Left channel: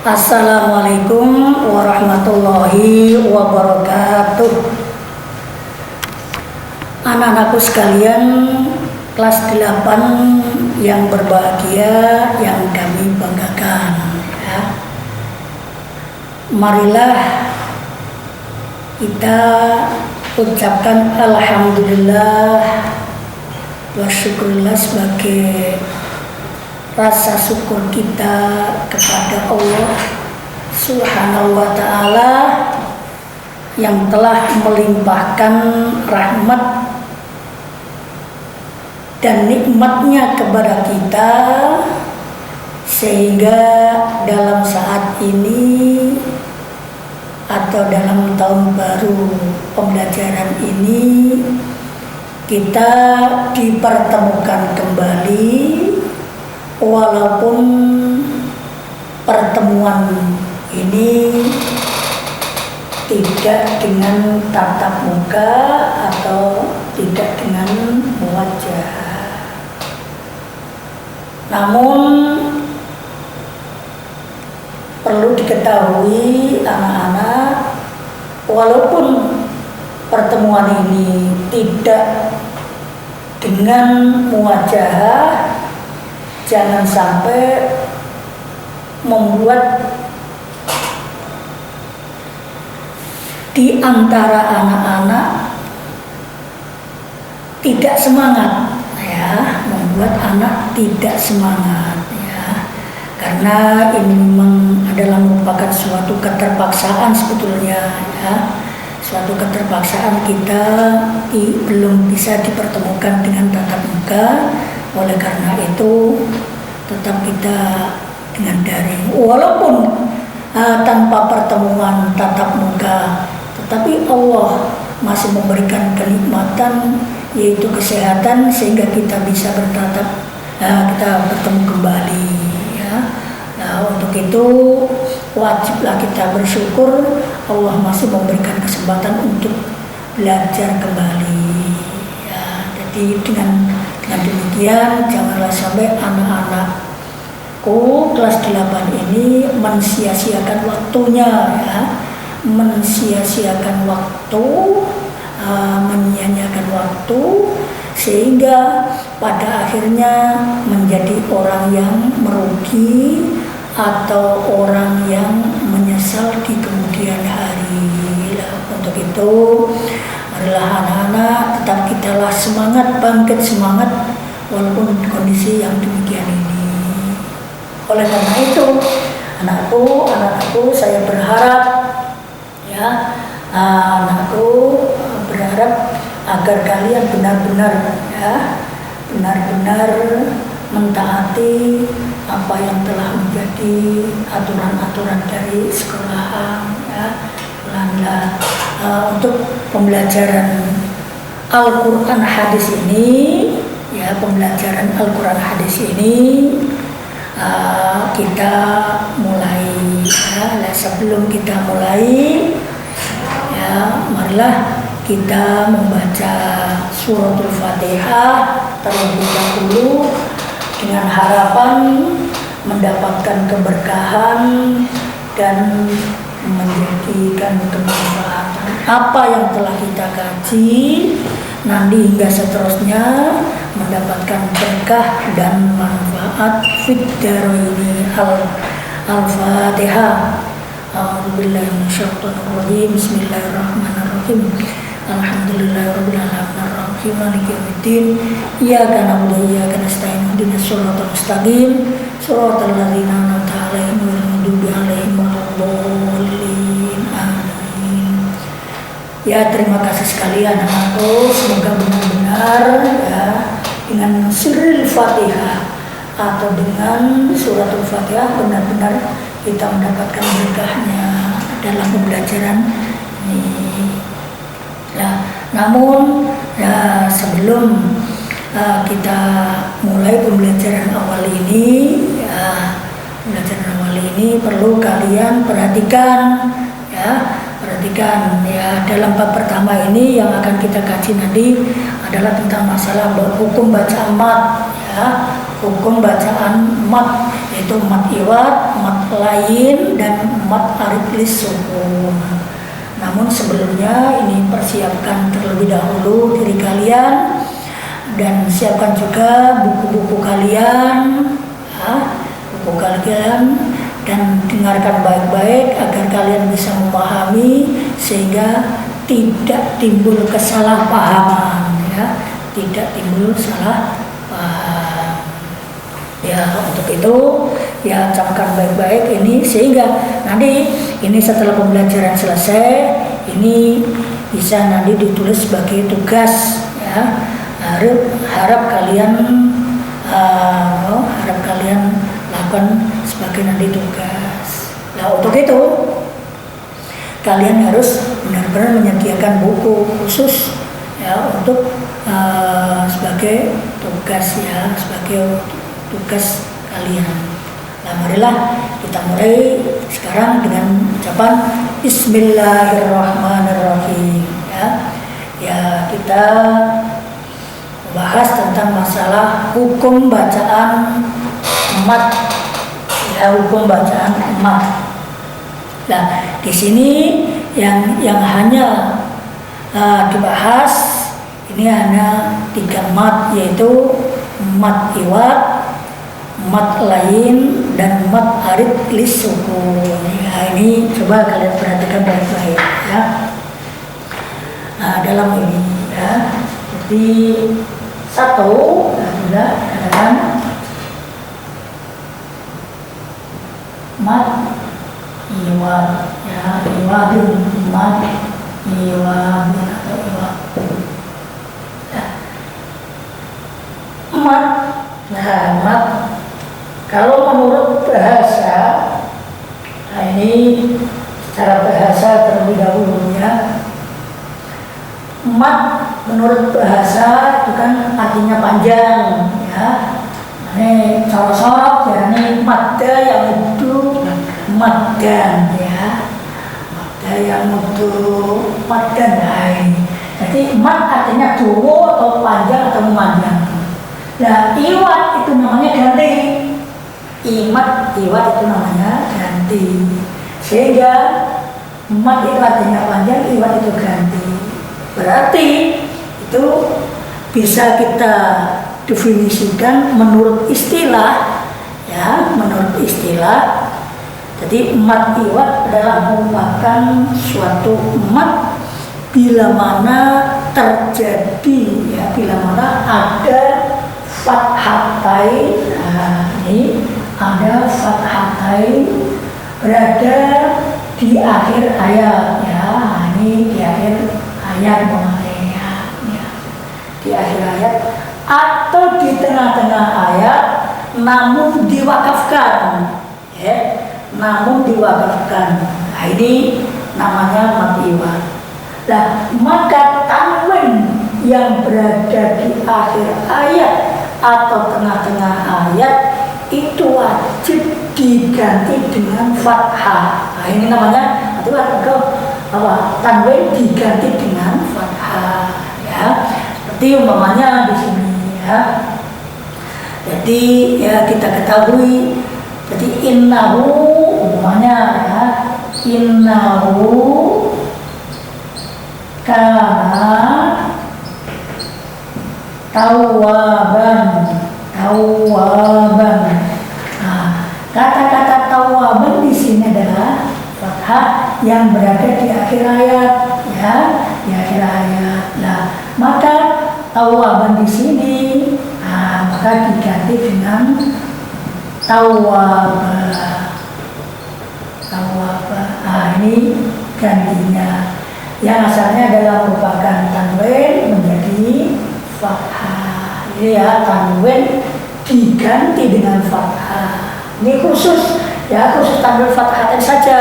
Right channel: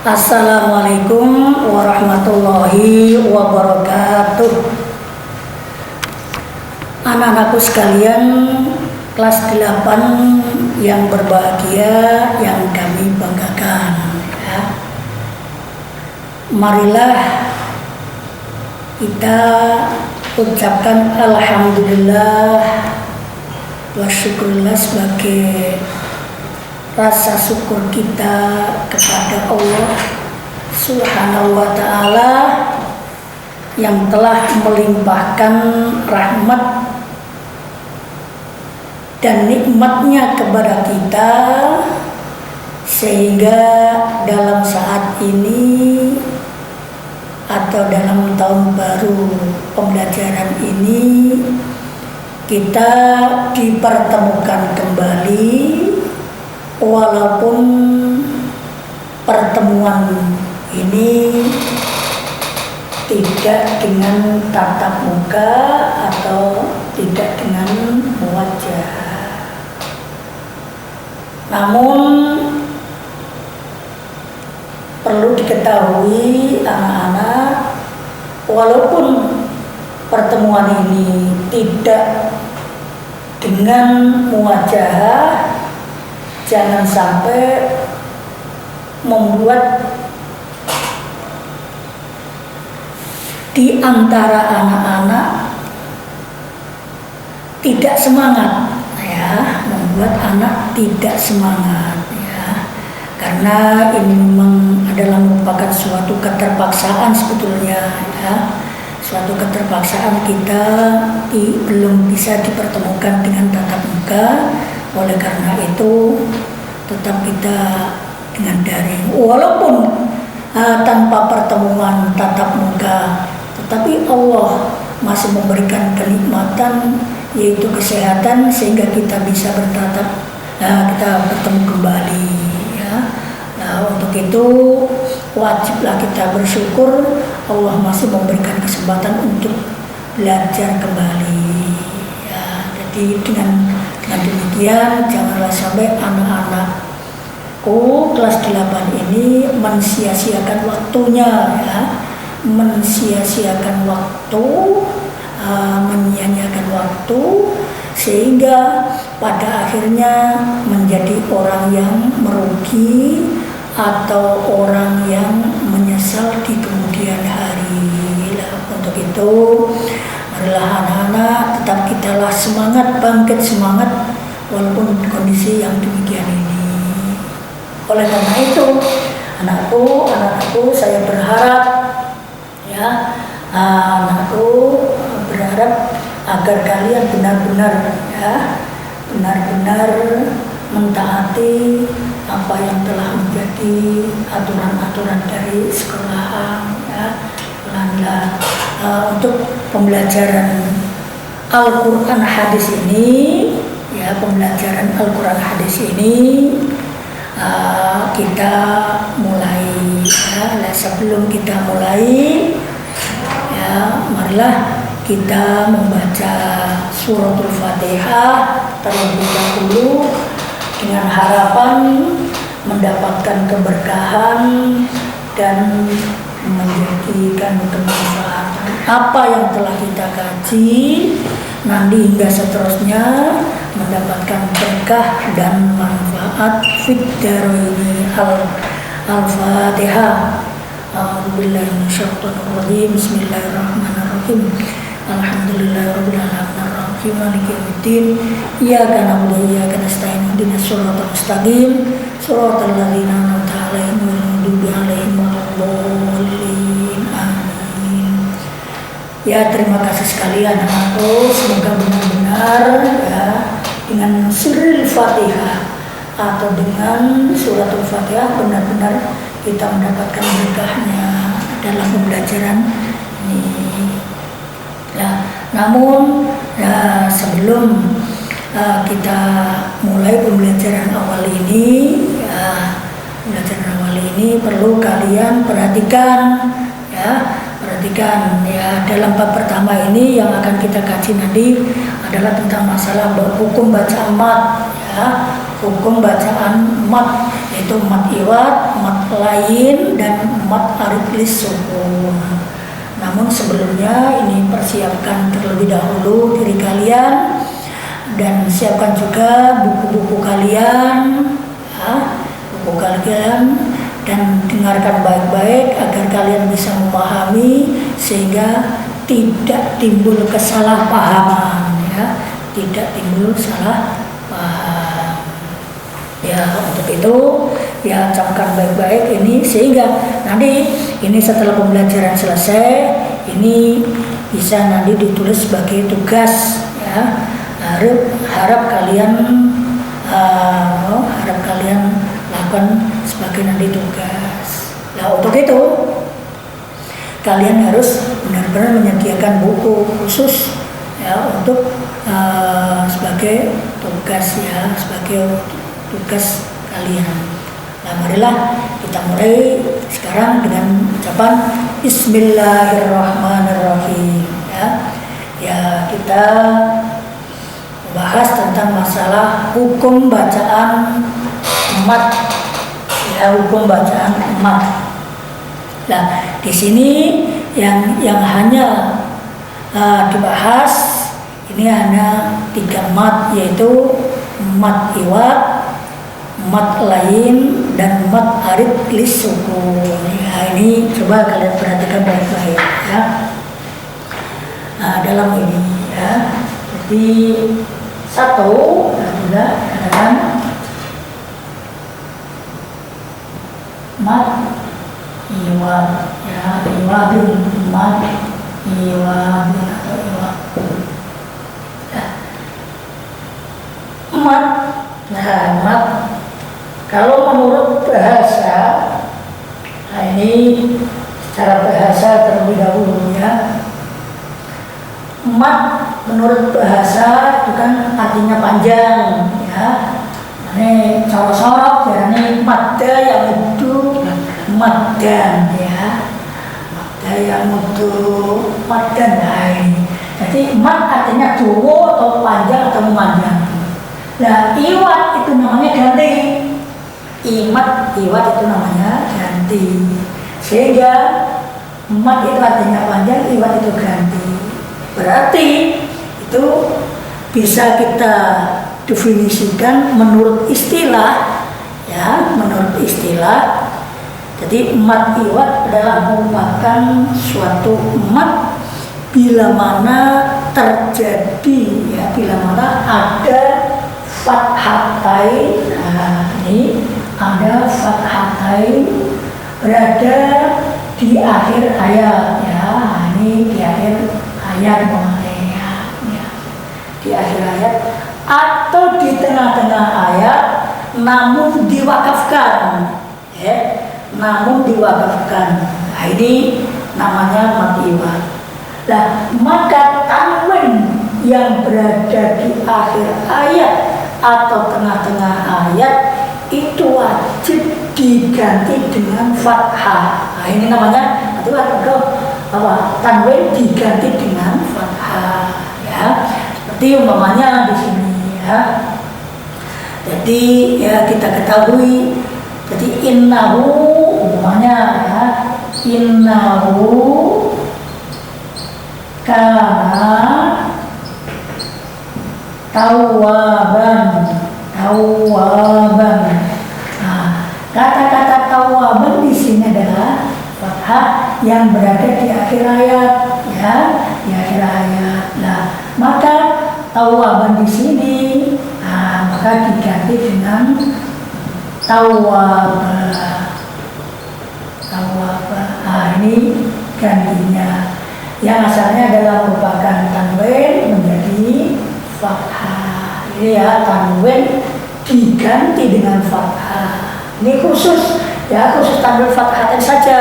Assalamualaikum warahmatullahi wabarakatuh. Anak-anakku sekalian, kelas 8 yang berbahagia, yang kami banggakan, ya. Marilah kita ucapkan alhamdulillah wa syukurillah sebagai rasa syukur kita kepada Allah Subhanahu wa ta'ala yang telah melimpahkan rahmat dan nikmatnya kepada kita, sehingga dalam saat ini atau dalam tahun baru pembelajaran ini kita dipertemukan kembali, walaupun pertemuan ini tidak dengan tatap muka atau tidak dengan wajah. Namun perlu diketahui anak-anak, walaupun pertemuan ini tidak dengan muwajah, jangan sampai membuat di antara anak-anak tidak semangat, ya, membuat anak tidak semangat, ya, karena ini memang adalah merupakan suatu keterpaksaan sebetulnya, ya, suatu keterpaksaan kita belum bisa dipertemukan dengan tatap muka. Oleh karena itu tetap kita dengan daring, walaupun tanpa pertemuan tatap muka, tetapi Allah masih memberikan kenikmatan, yaitu kesehatan, sehingga kita bisa kita bertemu kembali, ya. Nah, untuk itu wajiblah kita bersyukur Allah masih memberikan kesempatan untuk belajar kembali, ya. Jadi dengan demikian janganlah sampai anak-anakku kelas 8 ini mensia-siakan waktunya, ya, mensia-siakan waktu, menyia-nyiakan waktu, sehingga pada akhirnya menjadi orang yang merugi atau orang yang menyesal di kemudian hari. Untuk itu marilah anak-anak tetap kitalah semangat, bangkit semangat walaupun kondisi yang demikian ini. Oleh karena itu anakku saya berharap, ya, anakku berharap agar kalian benar-benar mentaati apa yang telah menjadi aturan-aturan dari sekolahan, ya. Untuk pembelajaran Al-Quran hadis ini, ya, pembelajaran Al-Quran hadis ini kita mulai, ya. Sebelum kita mulai, ya, marilah kita membaca suratul Fatihah terlebih dahulu dengan harapan mendapatkan keberkahan dan menjadikan kemanfaatan apa yang telah kita kaji nanti hingga seterusnya, mendapatkan berkah dan manfaat fid dharaini. Al-Fatihah. A'udzubillahi minasyaitonir rajim. Bismillahirrahmanirrahim. Alhamdulillahirabbil alamin arrahim maliki yaumiddin. Iyyaka na'budu wa iyyaka nasta'in. Ihdinas siratal mustaqim. Shiratal ladzina an'amta 'alaihim ghairil maghdubi 'alaihim waladdallin. Amin. Ya, terima kasih sekalian anakku, semoga benar-benar, ya, dengan sirril Fatihah atau dengan suratul Fatihah benar-benar kita mendapatkan berkahnya dalam pembelajaran ini. Ya, namun, ya, sebelum kita mulai pembelajaran awal ini, ya, pembelajaran awal ini perlu kalian perhatikan, ya, dalam bab pertama ini yang akan kita kaji nanti adalah tentang masalah hukum bacaan mat, ya, hukum bacaan mat, yaitu mat iwat, mat lain, dan mat arid lis sukun. Namun sebelumnya ini persiapkan terlebih dahulu diri kalian dan siapkan juga buku-buku kalian, buku kalian, dan dengarkan baik-baik agar kalian bisa memahami sehingga tidak timbul kesalahpahaman, ya, tidak timbul salah paham. Ya, untuk itu ya camkan baik-baik ini sehingga nanti ini setelah pembelajaran selesai ini bisa nanti ditulis sebagai tugas, ya. Harap kalian lakukan sebagai nanti tugas. Nah, untuk itu kalian harus benar-benar menyediakan buku khusus, ya, untuk sebagai tugas, ya, sebagai tugas kalian. Nah, marilah kita mulai sekarang dengan ucapan Bismillahirrahmanirrahim, ya. Ya, kita bahas tentang masalah hukum bacaan mat, ya, hukum bacaan mat. Nah, di sini yang hanya dibahas ini hanya 3 mat, yaitu mat iwat, mat lain, dan mat arid lis sukun. Ya, ini coba kalian perhatikan baik-baik, ya. Nah, dalam ini, ya. Jadi satu, sudah katakan mat iwat, ya, iwadun, mat iwadun atau iwat. Mat, nah, mat kalau menurut bahasa, nah ini secara bahasa terlebih dahulu, ya. Mat menurut bahasa itu kan artinya panjang, ya. Ini sorot-sorot, ya, ini madda yang itu maddan, ya. Madda yang itu maddan, nah ini. Jadi mat artinya dawa atau panjang atau memanjang. Nah, iwat itu namanya ganti. Iwat itu namanya ganti. Sehingga mat itu artinya panjang, iwat itu ganti. Berarti itu bisa kita definisikan menurut istilah, ya, menurut istilah. Jadi mat iwat adalah merupakan suatu mat bila mana terjadi, ya, bila mana ada fathatain. Nah, ini ada fathatain berada di akhir ayat, ya. Ini di akhir ayat, ya. Di akhir ayat atau di tengah-tengah ayat, namun diwakafkan, ya, namun diwakafkan. Nah, ini namanya mat iwat. Nah, maka tanwin yang berada di akhir ayat atau tengah-tengah ayat itu wajib diganti dengan fathah. Nah, ini namanya itu apa? Tanwin diganti dengan fathah, ya. Seperti umpamanya di sini, ya. Jadi, ya, kita ketahui. Jadi innahu umpamanya, ya, innahu kana tawaban. Nah, kata-kata tawaban di sini adalah fathah yang berada di akhir ayat, ya, di akhir ayat. Nah, maka tawaban di sini, nah, maka diganti dengan tawaba. Nah, ini gantinya. Yang asalnya adalah merupakan tanwin menjadi fathah. Ini, ya, tanwin diganti dengan fathah. Ini khusus, ya, khusus tanwin fathah saja,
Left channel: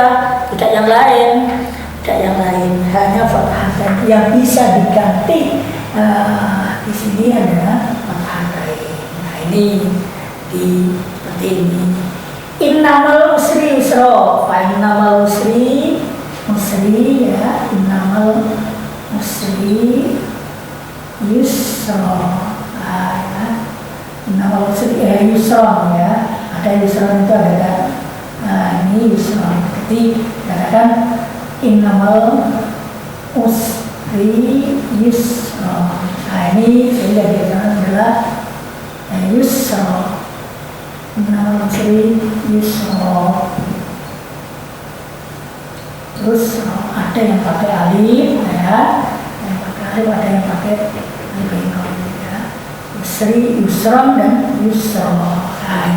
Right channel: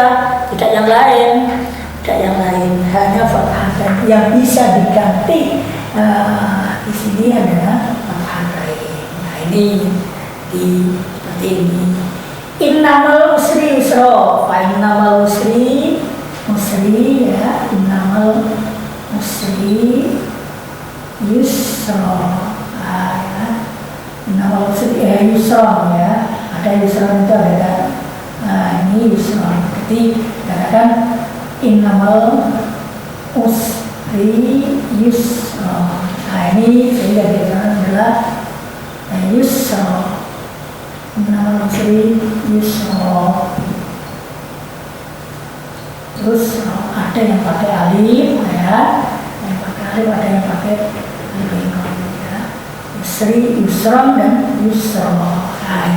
tidak yang lain, hanya fathah yang bisa diganti. Di sini adalah fathah. Nah, ini seperti ini. Innamal usri yusra, fa innamal usri, ya, innamal usri yusra. Innamal usri yusra, ya. Nah, ada yusron itu ada. Nah ini yusron. Jadi dikatakan innamal usri yusron. Nah ini sehingga dikatakan adalah yusron. Innamal usri yusron. Terus ada yang pakai alif ya, yang pakai alif, ada yang pakai alif bengkok ya. Yusri, yusron dan yusro. Nah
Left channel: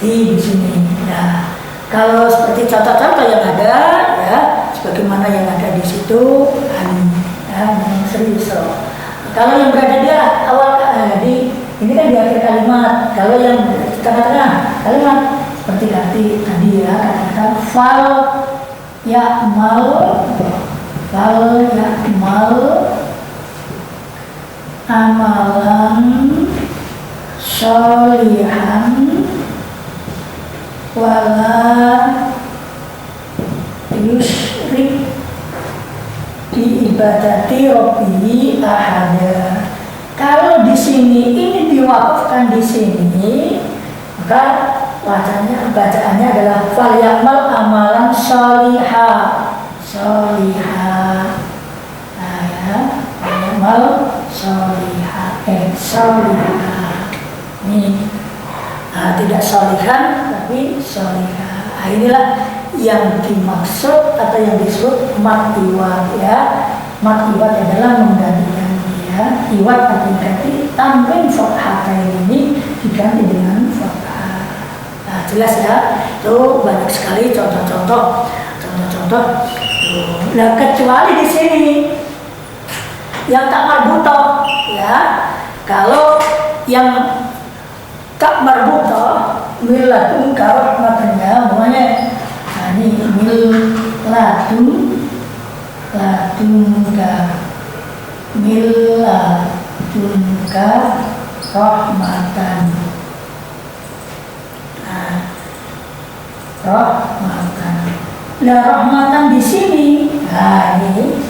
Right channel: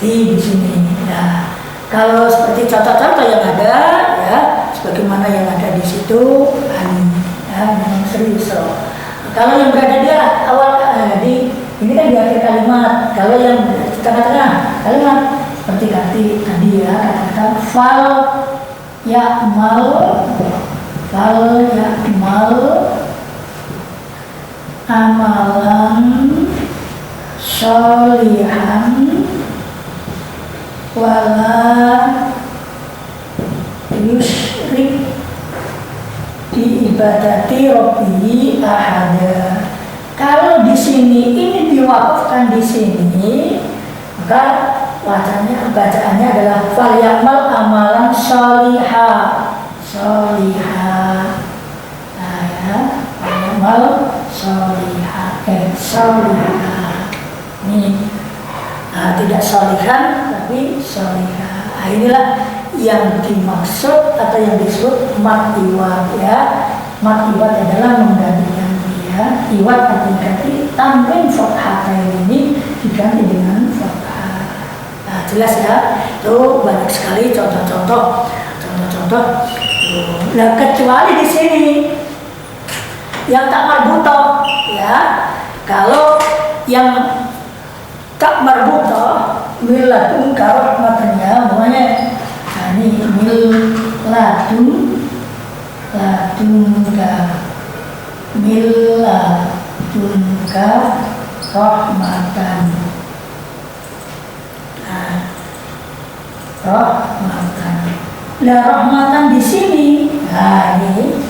ini di sini. Nah kalau seperti contoh-contoh yang ada ya, sebagaimana yang ada di situ, ya, yusri, yusro. Kalau yang berada di awal ini kan di akhir kalimat. Kalau yang di tengah-tengah kalimat seperti tadi ya, kata-kata fal ya'mal amalan sholihan wala yusyrik di ibadati rabbihi ahada. Kalau di sini ini diwakafkan di sini, maka bacaannya adalah fal ya'mal amalan sholiha. Nah ya, fal ya'mal sholiha. Ini tidak sholihan tapi sholiha. Nah, inilah yang dimaksud atau yang disebut mat iwad ya. Mat iwad adalah menggantikan dia. Iwad artinya ganti, tanwin fathatain ini diganti dengan fathah. Nah, jelas ya. Itu banyak sekali contoh-contoh. Nah, kecuali di sini yang tak marbutoh ya. Kalau yang tak marbutoh miladun karahmatnya namanya. Nah, ini miladunka rahmatan. Rahmatan. Nah, rahmatan di sini. Nah, ini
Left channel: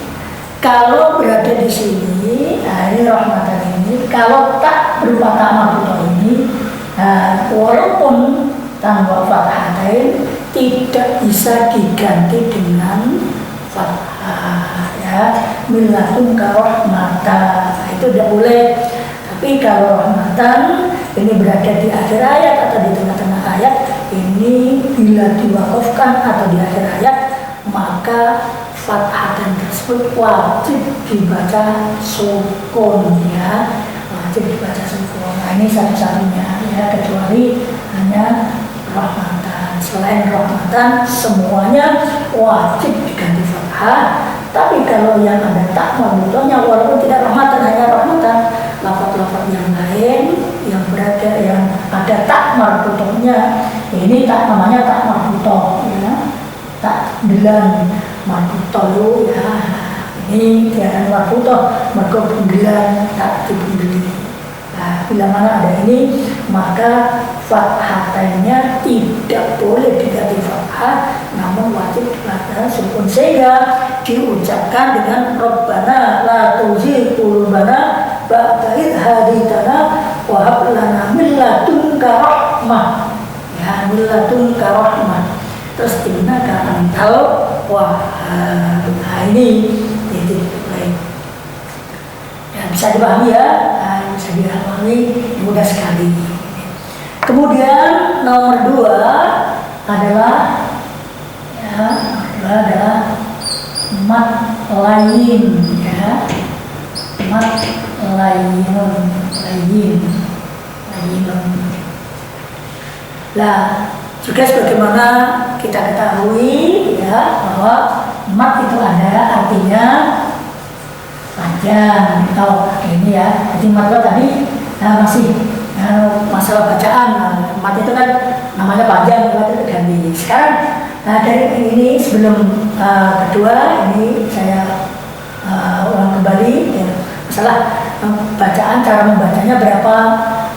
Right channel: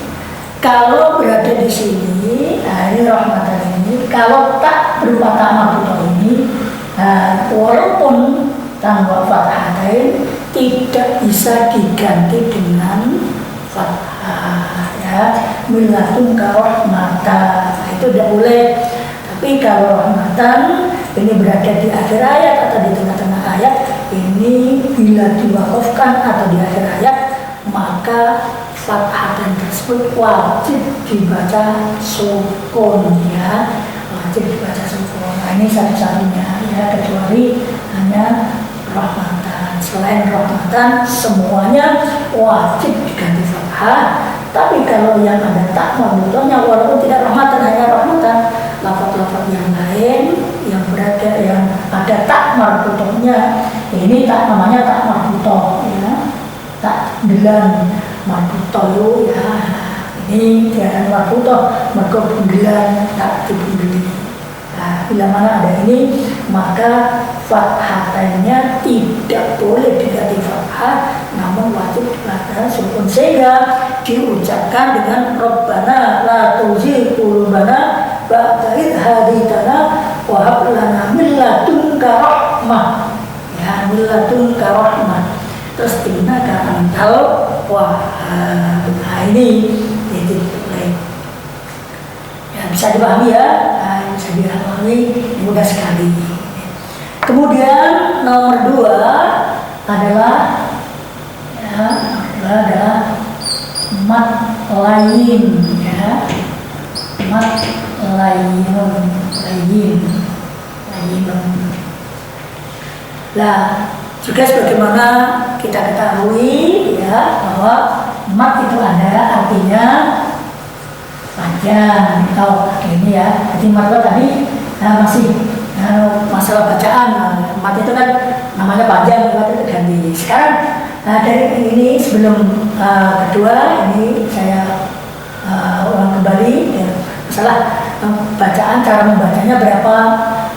kalau berada di sini, nah ini rahmatan ini. Kalau tak berupa tak marbutoh ini, nah, walaupun tanpa fathatain tidak bisa diganti dengan fathah ya. Miladunka rahmatan. Nah, itu tidak boleh. Tapi kalau rahmatan ini berada di akhir ayat atau di tengah-tengah ayat, ini bila diwakafkan atau di akhir ayat, maka fathatan tersebut wajib dibaca sukun ya, wajib dibaca sukun. Nah, ini satu-satunya ya, kecuali hanya rahmatan. Selain rahmatan semuanya wajib diganti fathah. Tapi kalau yang ada tak marbutohnya, walaupun tidak rahmatan, hanya rahmatan, lafaz-lafaz yang lain yang berada yang ada tak marbutohnya, ini tak namanya tak marbutoh ya, tak gelan marbutoh ya, ini tiada marbutoh mergo penggelan tak dibundeli. Nah, bila mana ada ini, maka fathatannya tidak boleh diganti fathah, namun wajib dibaca sukun, sehingga diucapkan dengan Rabbana la tuzigh qulubana ba'da idh hadaytana wa hab lana min ladunka rahmah ya, min ladunka rahmah. Terus innaka antal wahhab. Nah, ini titik lain ya, bisa dipahami ya. Nah, bisa dipahami, mudah sekali. Kemudian nomor 2 adalah mat lain ya, mat lain. Nah, juga sebagaimana kita ketahui ya, bahwa mat itu ada artinya panjang atau ini ya. Jadi mat tadi masih masalah bacaan. Mat itu kan namanya panjang, mat itu ganti. Sekarang dari ini sebelum kedua ini saya ulang kembali ya, masalah bacaan, cara membacanya berapa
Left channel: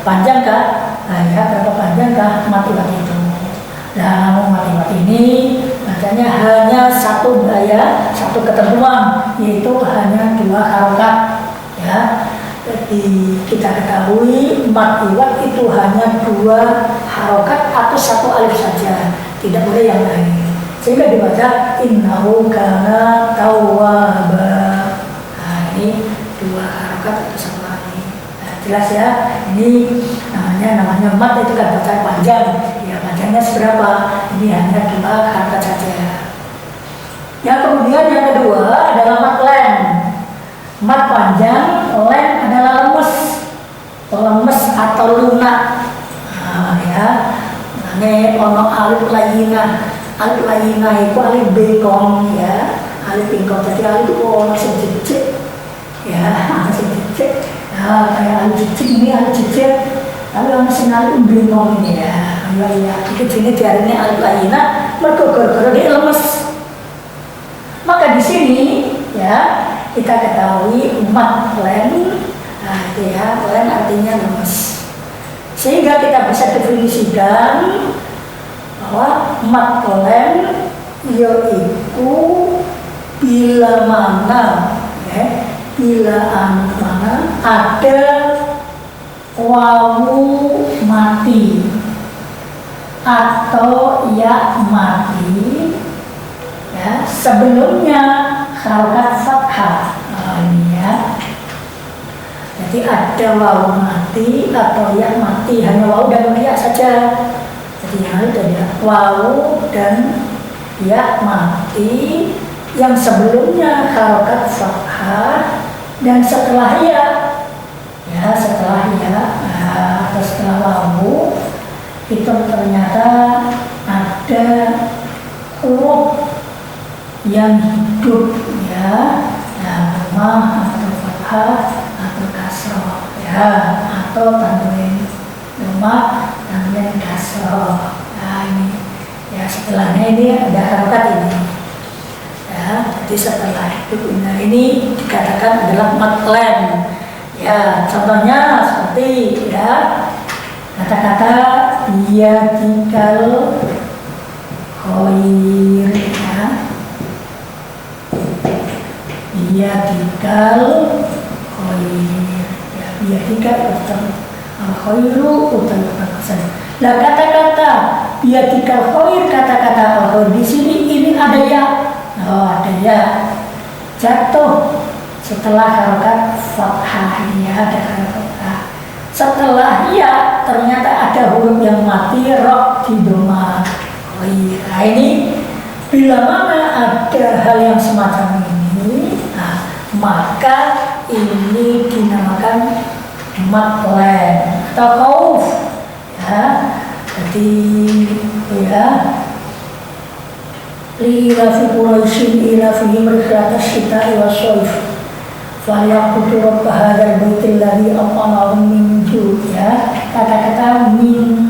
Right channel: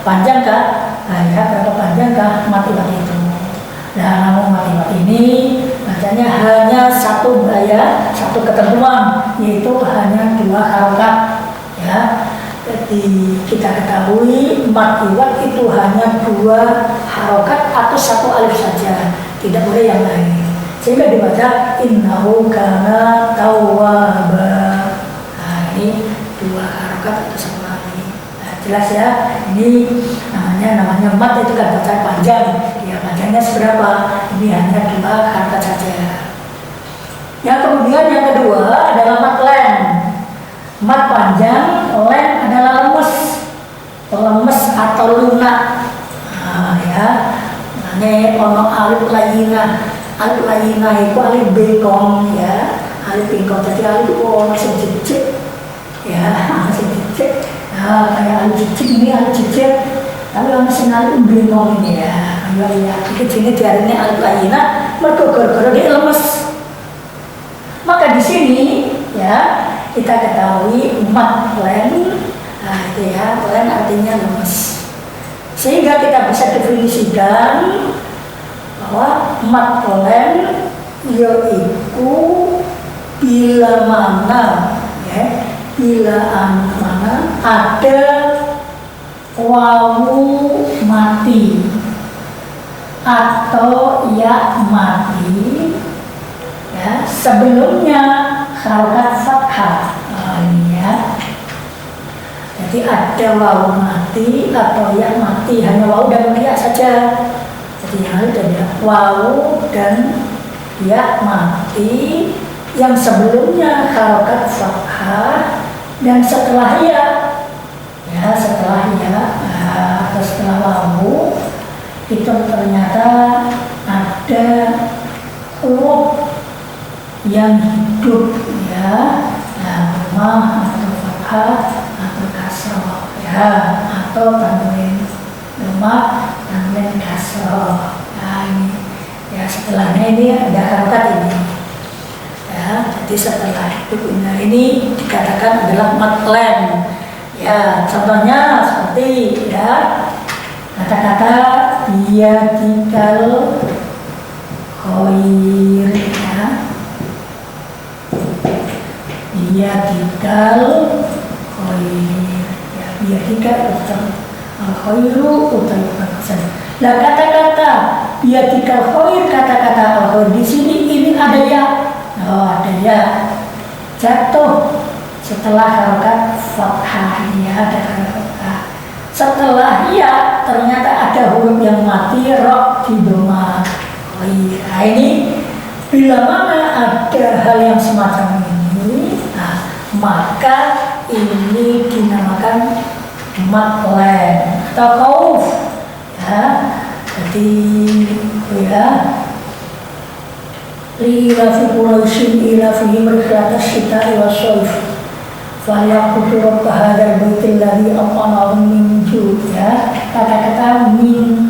panjang kah? Nah, ya, berapa panjang kah mat-mat itu? Nah, namun mat-mat ini bacanya hanya satu gaya, satu ketentuan, yaitu hanya 2 harokat ya. Jadi kita ketahui mat iwat itu hanya 2 harokat atau satu alif saja, tidak boleh yang lain. Sehingga dibaca innahu kana tawwaba. Nah, ini 2 harokat atau satu alif. Nah, jelas ya. Ini namanya mat itu kan bacaan panjang. Ya panjangnya seberapa? Ini hanya 2 harokat saja. Yang kemudian yang kedua adalah mat len. Mat panjang, len adalah lemes atau lunak. Nah, ya. Ini ono alif layina itu alif bengkong ya, alif bengkong tadi alif itu ono sing jejeg ya, sing jejeg. Nah, kayak alif jejeg ini alif jejeg, tapi ono sing alif bengkong ini ya. Ya, iki jenenge diarani alif layina mergo gara-gara dia lemes. Maka di sini ya kita ketahui mat len, nah itu ya, len artinya lemes. Sehingga kita bisa definisikan bahwa mat len yaitu bila mana ya, bila mana ada wawu mati atau ya mati ya, sebelumnya harokat fathah. Ini ya. Jadi ada wawu mati atau ya mati, hanya wawu dan ya saja. Jadi yang itu ya wawu dan ya mati yang sebelumnya harokat fathah dan setelah ya setelah ya atau setelah wawu itu ternyata ada huruf yang hidup ya, rumah atau fathah atau kasroh ya, atau tanwin rumah tanwin kasroh. Nah ini ya, setelahnya ini ada harokat ini ya, jadi setelah hidup ini dikatakan adalah mat len ya. Contohnya seperti ya kata-kata biyadikal khair ya, biyadikal khair ya, biyadikal utang al-khairu utang perkasan. Lah kata-kata biyadikal khair, kata-kata al-khair di sini ini ada ya, ada ya jatuh setelah harokat fathah ya, ada harokat fathah. Setelah ya ternyata ada huruf yang mati, ro di doma. Nah ini bila mana ada hal yang semacam ini, nah, maka ini dinamakan mat len atau khauf ya. Jadi ya li ilafi quraisyin ilafihim rihlatas syita'i wasyayf falyaqutu rabb hadzal baitil ladzi at'amahum min ju' ya. Kata-kata min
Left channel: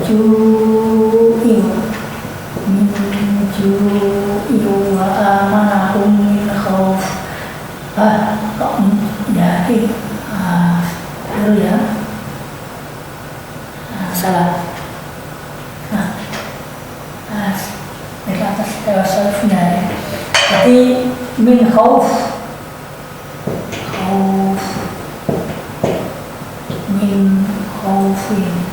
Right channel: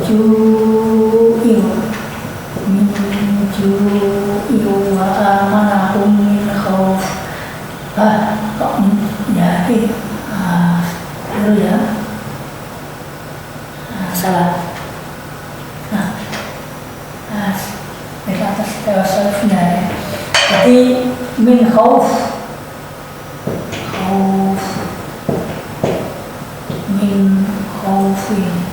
ju'in wa amanahum min khauf. Kok ya ini dulu ya, salah. Di atas tewasalnya ya. Jadi min khauf min khaufin.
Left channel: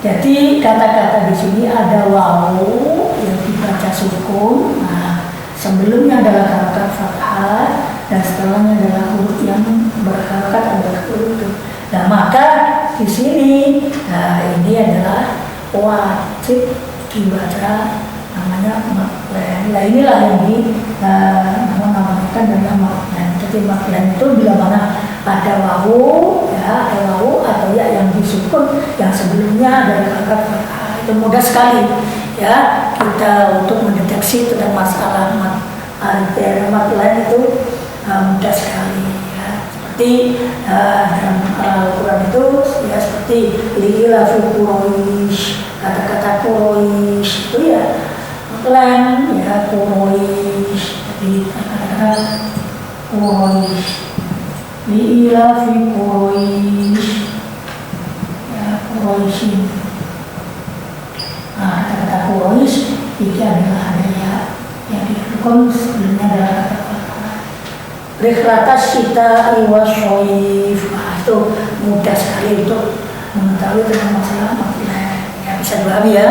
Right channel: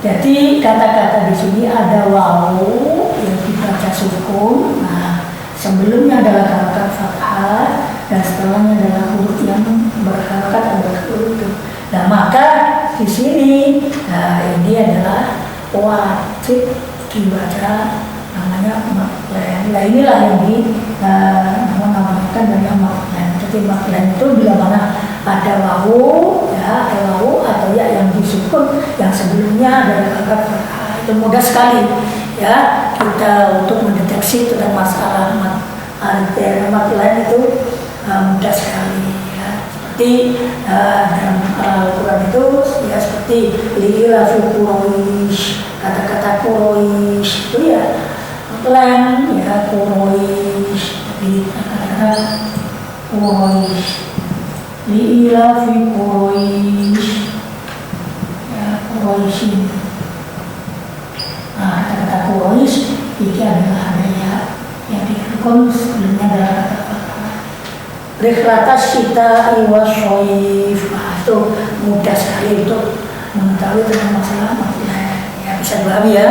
Jadi kata-kata di sini ada wawu yang dibaca sukun. Nah, sebelumnya adalah harokat fathah dan setelahnya adalah huruf yang berharokat adalah huruf itu. Nah, maka di sini ini adalah wajib dibaca namanya mat len. Nah, inilah yang dinamakan dengan mat len. Jadi mat len itu bila mana ada wawu ya, ada wawu atau ya yang disukun yang sebelumnya adalah harokat fathah. Itu mudah sekali ya kita untuk mendeteksi tentang masalah mat len itu mudah sekali ya. Seperti dalam Al-Quran itu ya, seperti li'ilafi Quraisy, kata-kata Quraisy itu ya len ya, Quraisy. Jadi kata-kata Quraisy, li'ilafi Quraisy ya, Quraisyin. Nah, kata-kata Quraisy ini adalah ada ya yang dikukun sebelumnya adalah kata rihlatas syita'i wasyayf. Itu mudah sekali untuk mengetahui tentang masalah mat len bisa dipahami ya.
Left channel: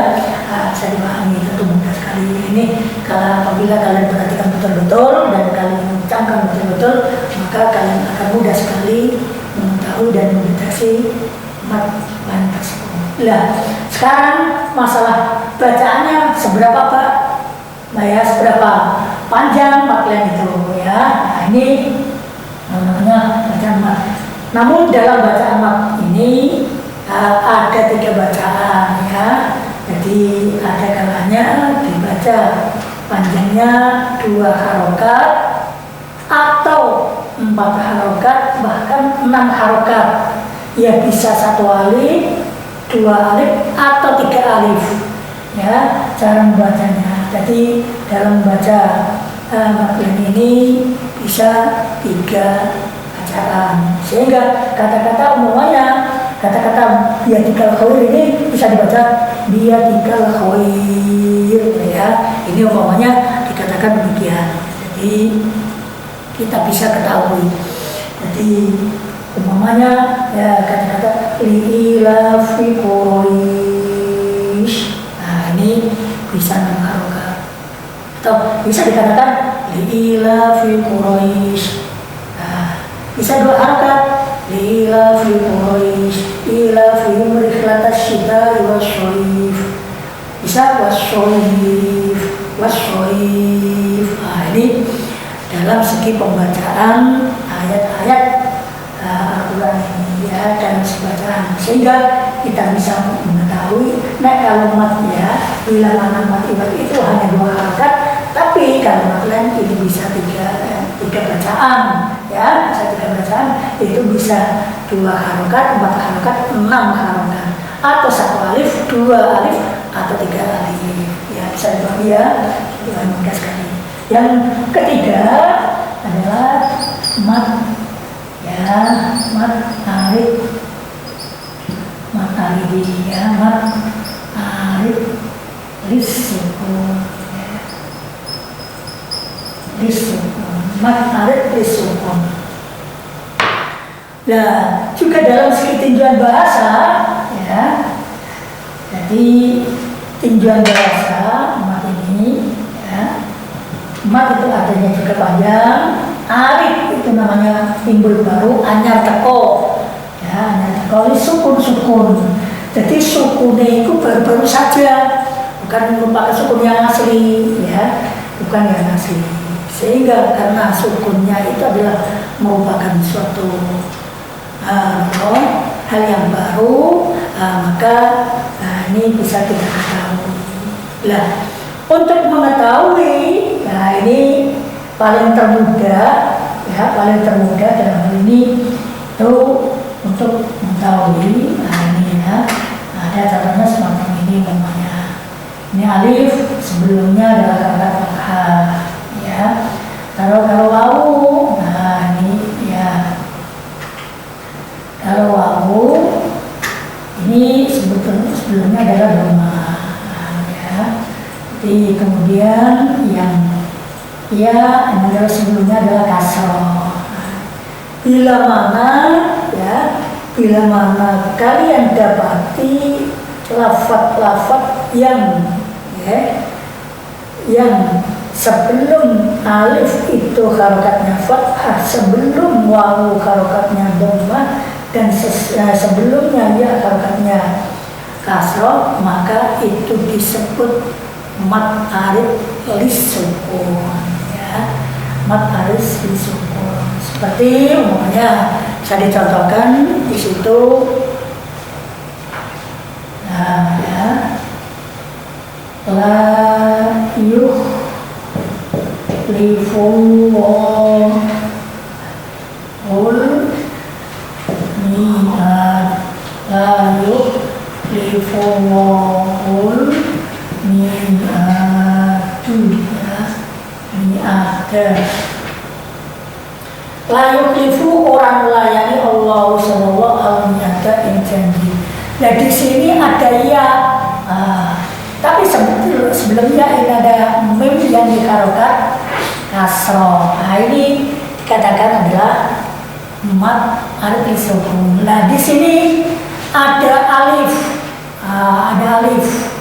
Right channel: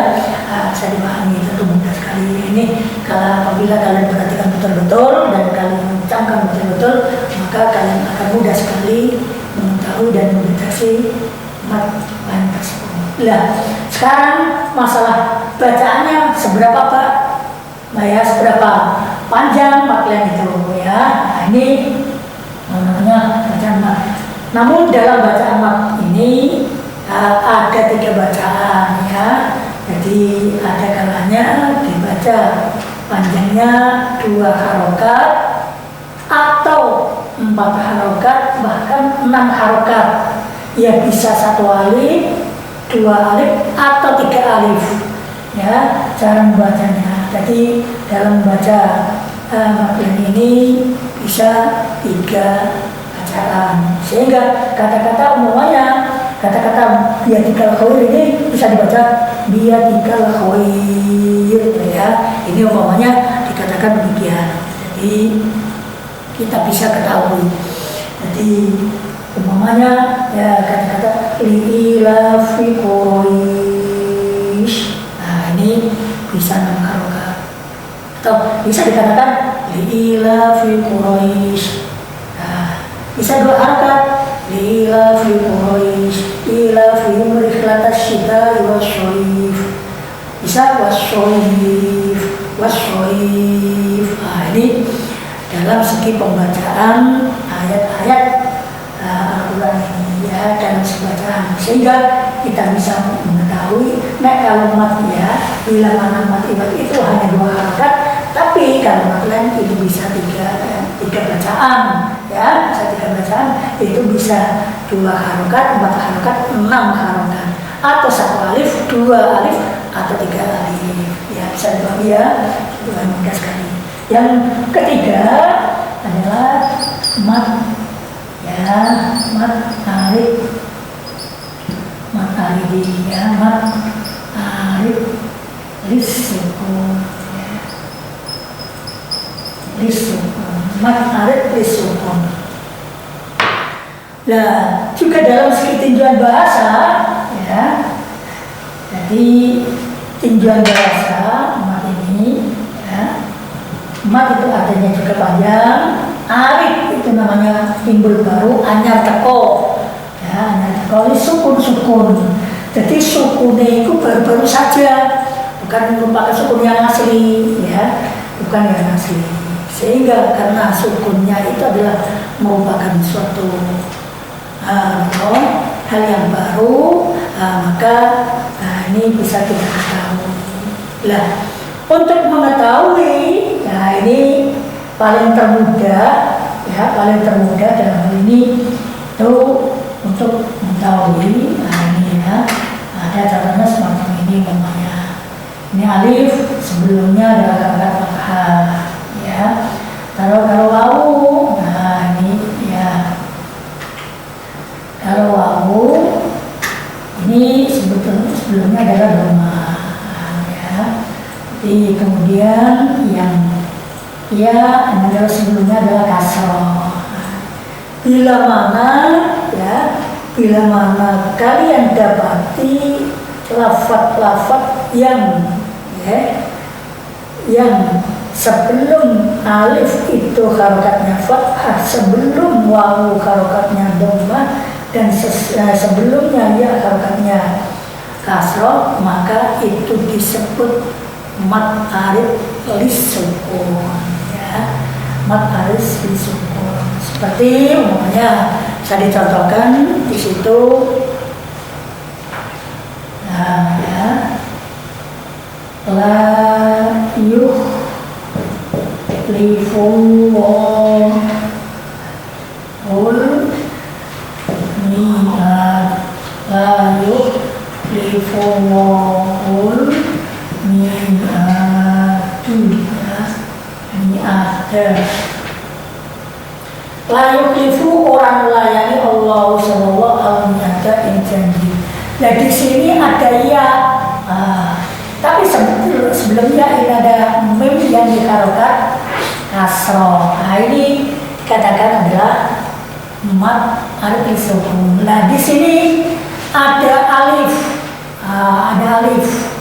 Bisa dipahami, tentu mudah sekali. Ini kalau apabila kalian perhatikan betul-betul dan kalian mengucapkan betul-betul, maka kalian akan mudah sekali mengetahui dan mendeteksi mat lain tersebut. Nah, sekarang masalah bacaannya seberapa Pak? Nah ya, seberapa panjang mat lain itu ya. Nah, ini namanya bacaan mat. Namun dalam bacaan mat ini ada 3 bacaan ya. Jadi ada kalanya dibaca panjangnya 2 harokat atau 4 harokat bahkan 6 harokat. Ya bisa 1 alif, 2 alif atau 3 alif. Ya cara membacanya. Jadi dalam membaca matlain ini bisa 3 bacaan. Sehingga kata-kata umumnya kata-kata biadikal khair ini bisa dibaca biadikal khair ya. Ini umpamanya dikatakan demikian. Jadi kita bisa ketahui. Jadi umpamanya ya kata-kata li'ilafi Quraisy. Nah, ini bisa 6 harokat. Atau bisa dikatakan li'ilafi Quraisy. Nah, bisa 2 harokat. Li'ilafi Quraisy ilafihim rihlatas syita'i wasyarif. Bisa wasyarif. Nah, ini dalam segi pembacaan ayat-ayat Al-Quran ini ya, dalam bacaan, sehingga kita bisa mengetahui kalau mat ya, bila mana mat itu hanya 2 harokat, tapi kalau mat lain itu bisa 3 bacaan ya, bisa 3 bacaan, itu bisa 2 harokat, 4 harokat, 6 harokat, atau 1 alif, 2 alif, atau 3 alif ya, bisa dibagi ya, itu mudah sekali. Yang ketiga adalah mat ya, mat alif, mat alif ya, mat alif lisukun ya, lisukun, mat alif lisukun. Nah, juga dalam segi tinjauan bahasa ya, jadi tinjauan bahasa mat ini ya, mat itu artinya juga panjang, alif itu namanya timbul baru, anyar teko ya, anyar teko ini sukun. Jadi sukunnya itu baru-baru saja, bukan merupakan sukun yang asli ya, bukan yang asli. Sehingga karena sukunnya itu adalah merupakan suatu hal yang baru, maka ini bisa kita ketahui. Lah, untuk mengetahui, ya ini paling termudah ya, paling termudah dalam hal ini itu untuk mengetahui. Nah ini ya, ada caranya semacam ini namanya. Ini alif sebelumnya adalah harokat fathah ya. Kalau wawu, nah ini ya. Kalau wawu ini sebelumnya adalah dhamma ya. Jadi kemudian yang ya adalah sebelumnya adalah kasroh. Bila mana kalian dapati lafaz-lafaz yang ya, yang sebelum alif itu harokatnya fathah, sebelum wawu harokatnya dhammah, dan sebelumnya ya harokatnya kasroh, maka itu disebut mat alif lisukun ya, mat alif lisukun. Seperti umumnya bisa dicontohkan di situ. Nah ya, la yuhlifullahu mi'ad, la yuhlifullahu mi'adu ya, mi'ada. La yukhlifu, orang melayani Allah sallallahu alaihi yang janji. Nah di sini ada ya, tapi sebelumnya ini ada mim yang diharokat kasroh. Nah ini dikatakan adalah mat alif lisukun. Nah di sini ada alif, ada alif,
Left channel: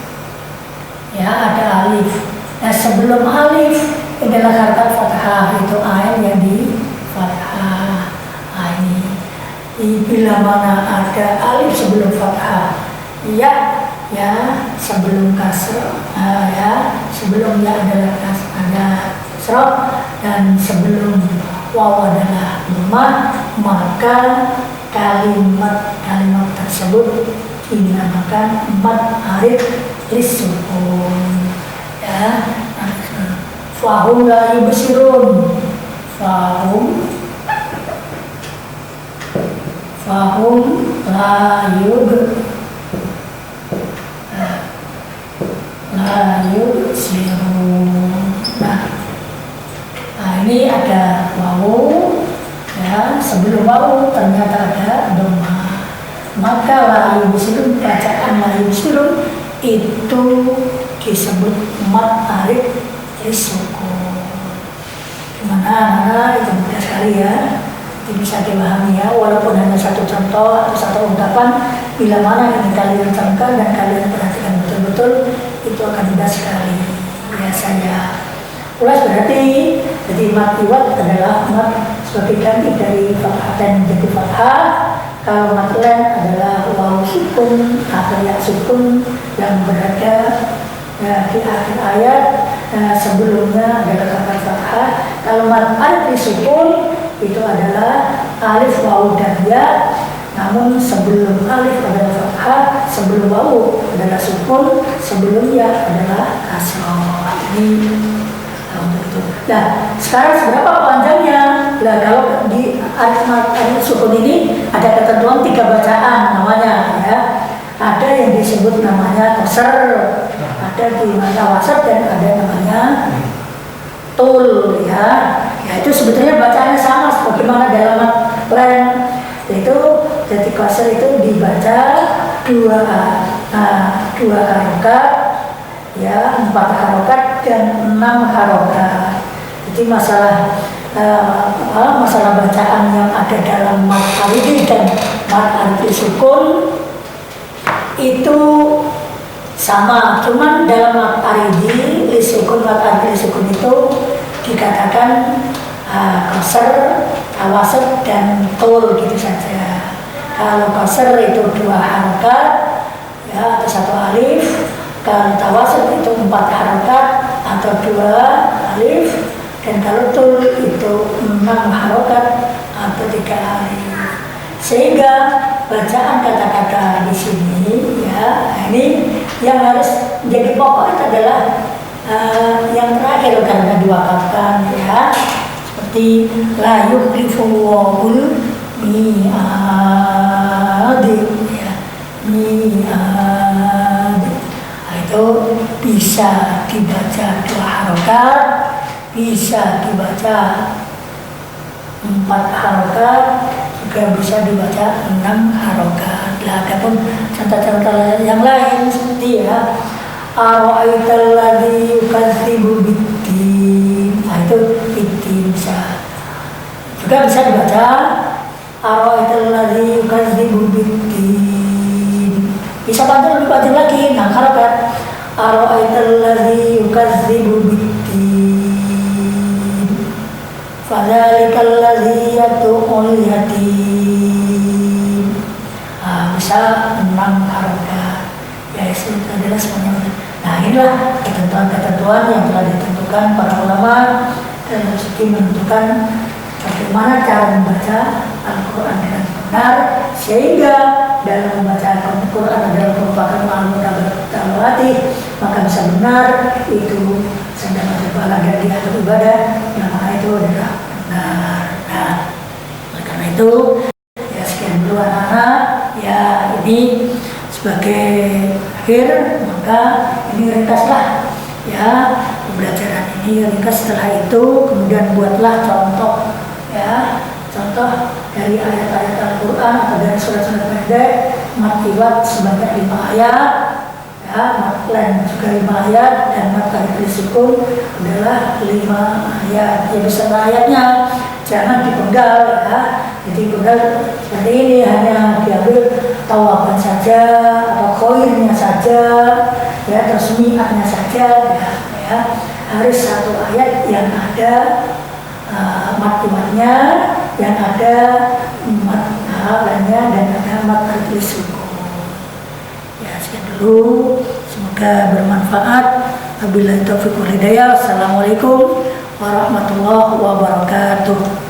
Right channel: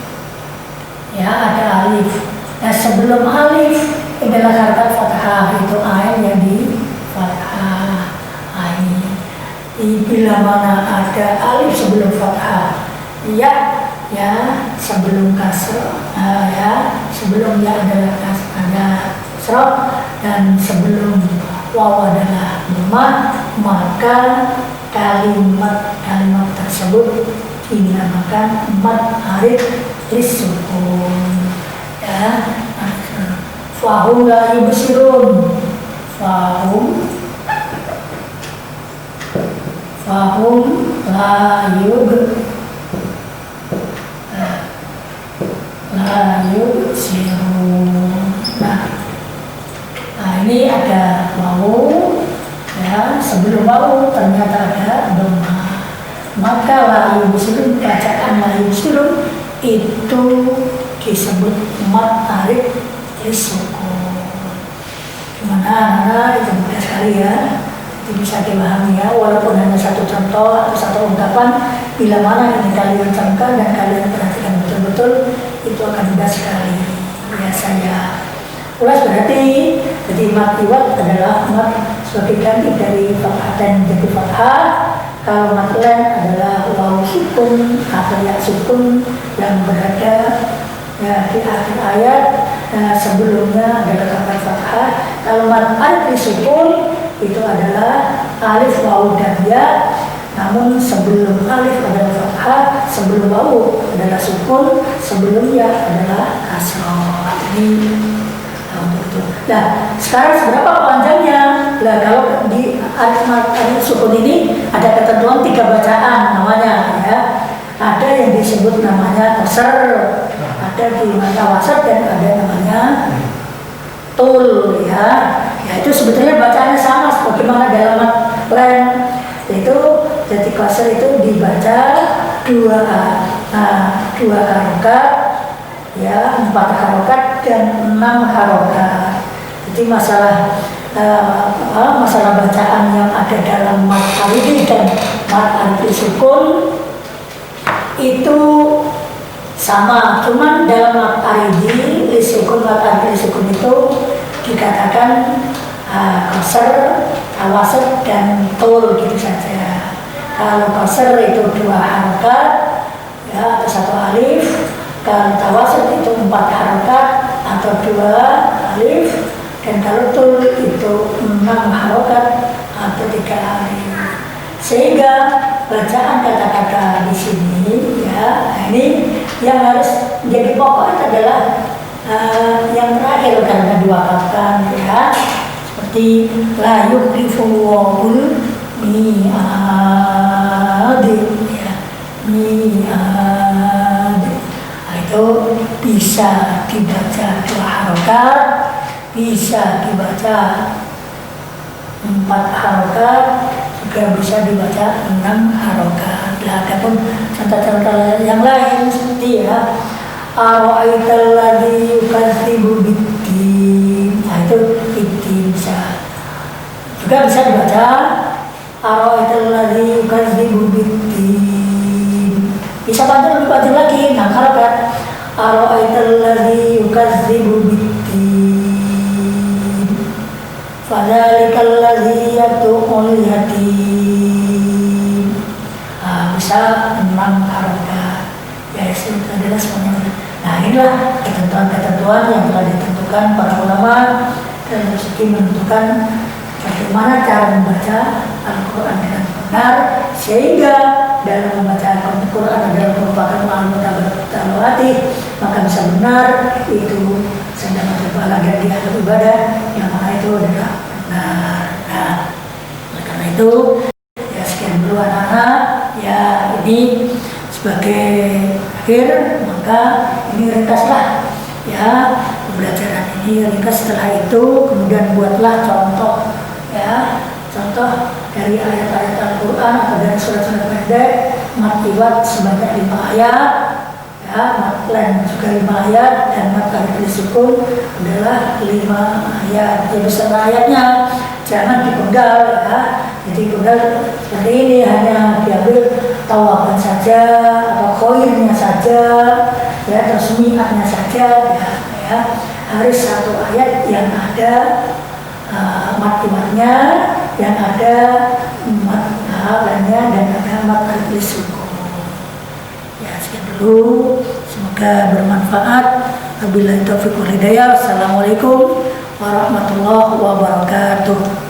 ya ada alif. Nah sebelum alif adalah harakat fathah, itu ain yang di fathah. Ini bila mana ada alif sebelum fathah, ya sebelum kasr, ya sebelum ya adalah ada kasrah dan sebelum waw adalah dhammah, maka kalimat tersebut dinamakan mad arid lisukun. Ya, fahum la yubsirun, fahum la yubsirun. Nah ini ada wawu, ya sebelum wawu ternyata ada dhammah, maka la yubsirun, bacaan la yubsirun itu disebut mad arid lisukun. Gimana anak-anak? Itu mudah sekali ya, itu bisa dipahami ya, walaupun hanya satu contoh atau satu ungkapan, bila mana ini kalian camkan dan kalian perhatikan betul-betul, itu akan mudah sekali. Ya saya ulas berarti, jadi mad iwad adalah mad sebagai ganti dari fathah dan menjadi fathah. Kalau mad len adalah waw sukun atau ya sukun yang berada di akhir ayat, sebelumnya adalah harakat fathah. Kalau mad arid lisukun itu adalah alif, waw dan ya, namun sebelum alif adalah fathah, sebelum waw adalah sukun, sebelum ya adalah kasrah. Ini untuk itu. Nah, sekarang seberapa panjangnya? Nah, kalau di alif sukun ini ada ketentuan 3 bacaan namanya ya. Ada yang disebut namanya qasr, ada di mata wasat, dan ada namanya tul ya. Ya itu sebetulnya bacaannya sama sebagaimana dalam mad len. Itu jadi qasr itu dibaca 2 harokat, ya 4 harokat dan 6 harokat. Jadi masalah bacaan yang ada dalam mad aridi dan mad aridi sukun itu sama, cuman dalam mad aridi lisukun, mad aridi sukun itu dikatakan qasr, wasat dan tul gitu saja. Kalau qasr itu 2 harokat ya atau 1 alif, kalau tawasut itu 4 harokat atau 2 alif, dan kalau tul itu 6 harokat atau 3 alif. Sehingga bacaan kata-kata di sini ya, ini yang harus menjadi pokok itu adalah yang terakhir karena 2 kata ya, seperti la yukhlifu wa'ul mi'ad ya, mi'ad. Itu bisa dibaca 2 harokat, bisa dibaca 4 harokat, juga bisa dibaca 6 harokat. Nah, adapun contoh-contoh yang lain seperti ya ara'aital ladzi yukadzibu biddin. Nah itu biddin bisa. Juga bisa dibaca ara'aital ladzi yukadzibu biddin. Bisa panjang, lebih panjang lagi 6 harokat. Ara'aital ladzi yukadzibu biddin. Fadzalikal ladzi yad'ul yatim. Bisa 6 harokat. Ya itu adalah semuanya. Nah inilah ketentuan-ketentuan yang telah ditentukan para ulama dalam segi menentukan bagaimana cara membaca Al-Quran dengan benar, sehingga dalam membaca Al-Quran adalah merupakan ma'al-mutabati, maka bisa benar itu sedang ada pahala dan dianggap ibadah yang mana itu adalah benar. Nah karena itu ya sekian dulu anak-anak ya, ini sebagai akhir, maka ini ringkaslah ya pembelajaran ini ringkas. Setelah itu kemudian buatlah contoh ya, contoh dari ayat-ayat Al-Quran atau dari surat-surat pendek mad iwad sebanyak 5 ayat ya, mad len juga 5 ayat, dan mad arid lisukun adalah 5 ayat. Ya beserta ayatnya, jangan dipenggal ya. Jadi penggal seperti ini hanya diambil tawaban saja atau khoirnya saja. saja, ya terus mi'atnya saja, ya harus satu ayat yang ada mat-matnya, yang ada mat lainnya dan ada mat arti suku. Ya sekian dulu, semoga bermanfaat. Wabillahi taufiq wal hidayah. Assalamualaikum warahmatullahi wabarakatuh.